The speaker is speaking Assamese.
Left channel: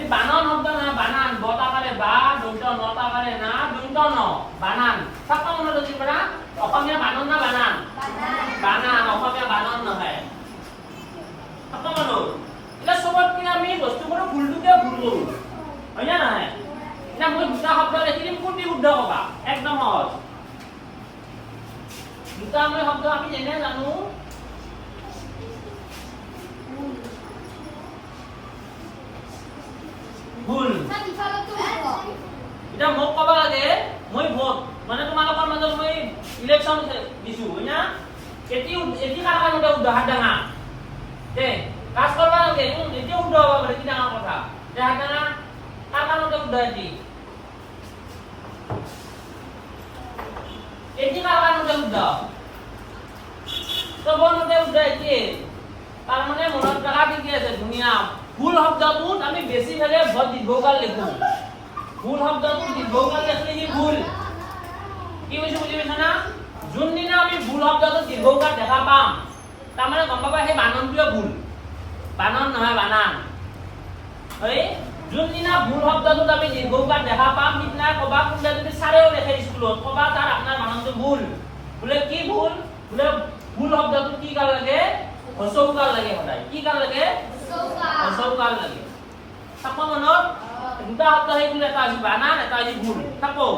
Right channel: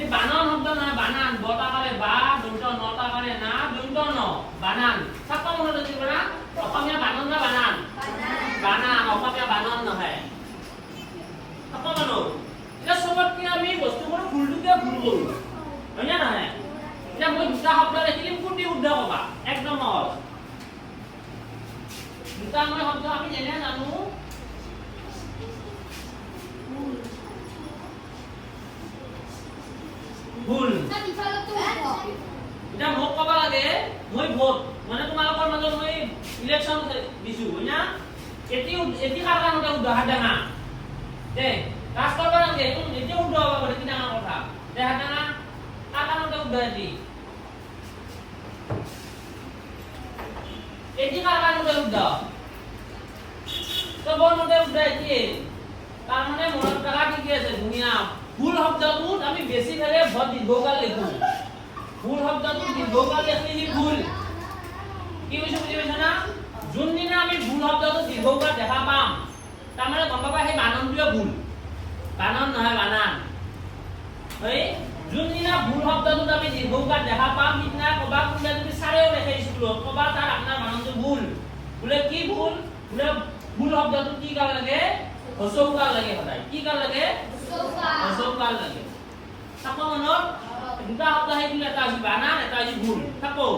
এই বানান শব্দ নহয় বানান বতাকাৰে বা দন্ত নতাকাৰে না দন্ত ন বানান থাকা মনত আছে পৰা অসমীয়া বানান না বানান বানান অসমীয়া বানান নহয় থাকা মনত এটা সবতকে আমি বস্তুবোৰ ভুলটোকে ভুল কৰো হয় না নহয় না মই দুটা শব্দ লিখিম কোনটি শুদ্ধ কবা একদম সহজ দুটা মই শব্দ আমি যেনে জানো ভুল এটা মোক কবা লাগে মই ভোট মানে তোমালোকৰ মাজত মই ইলেকশন দিছো হয় না এটি কারণে উদাহরণ ডাঙা দে কাজ করবা লাগে এটি উদ্ধ হবা বলে কি ডাঙা কথা দেখা ডাঙা কার কারণে উদাহরণ এটি কারণে উদ্ধ তো বলতে উদাহরণ কি তার মানে মনত রাখা কি আছে দুনিয়া ভুল শব্দটোত আমি বেছি ফেলে ভদ দীৰ্ঘকাল লিখো ভুল শব্দটোত দীৰ্ঘকাল লিখলে হি ভুল কি হৈছে বুজি পাইছা না যোনদিনা আমি ভুল শব্দটোত দীৰ্ঘকাল দেখা পাম তাৰ মানে গম পাবা সেই বানানটোৱে ভুল বানান নহয় বানান হয় যোনদিনা ভুল শব্দটোত আমি দীৰ্ঘকাল দেখা পাম সিদিনা কবা কোনবা যদি চাৰেও লেখে স্কুলত কবা তাৰ আপোনাৰ বানানটো ভুল বোলে কি ভুল বোলে ভুল শব্দটো কি কাল লাগে হসৌকাল লাগে সদায় কি কাল লাগে হসৌকাল লাগে থাকো মনত দুটা শব্দ সেইগুলো এটা আছে বানান এটা আছে ভুল থাকো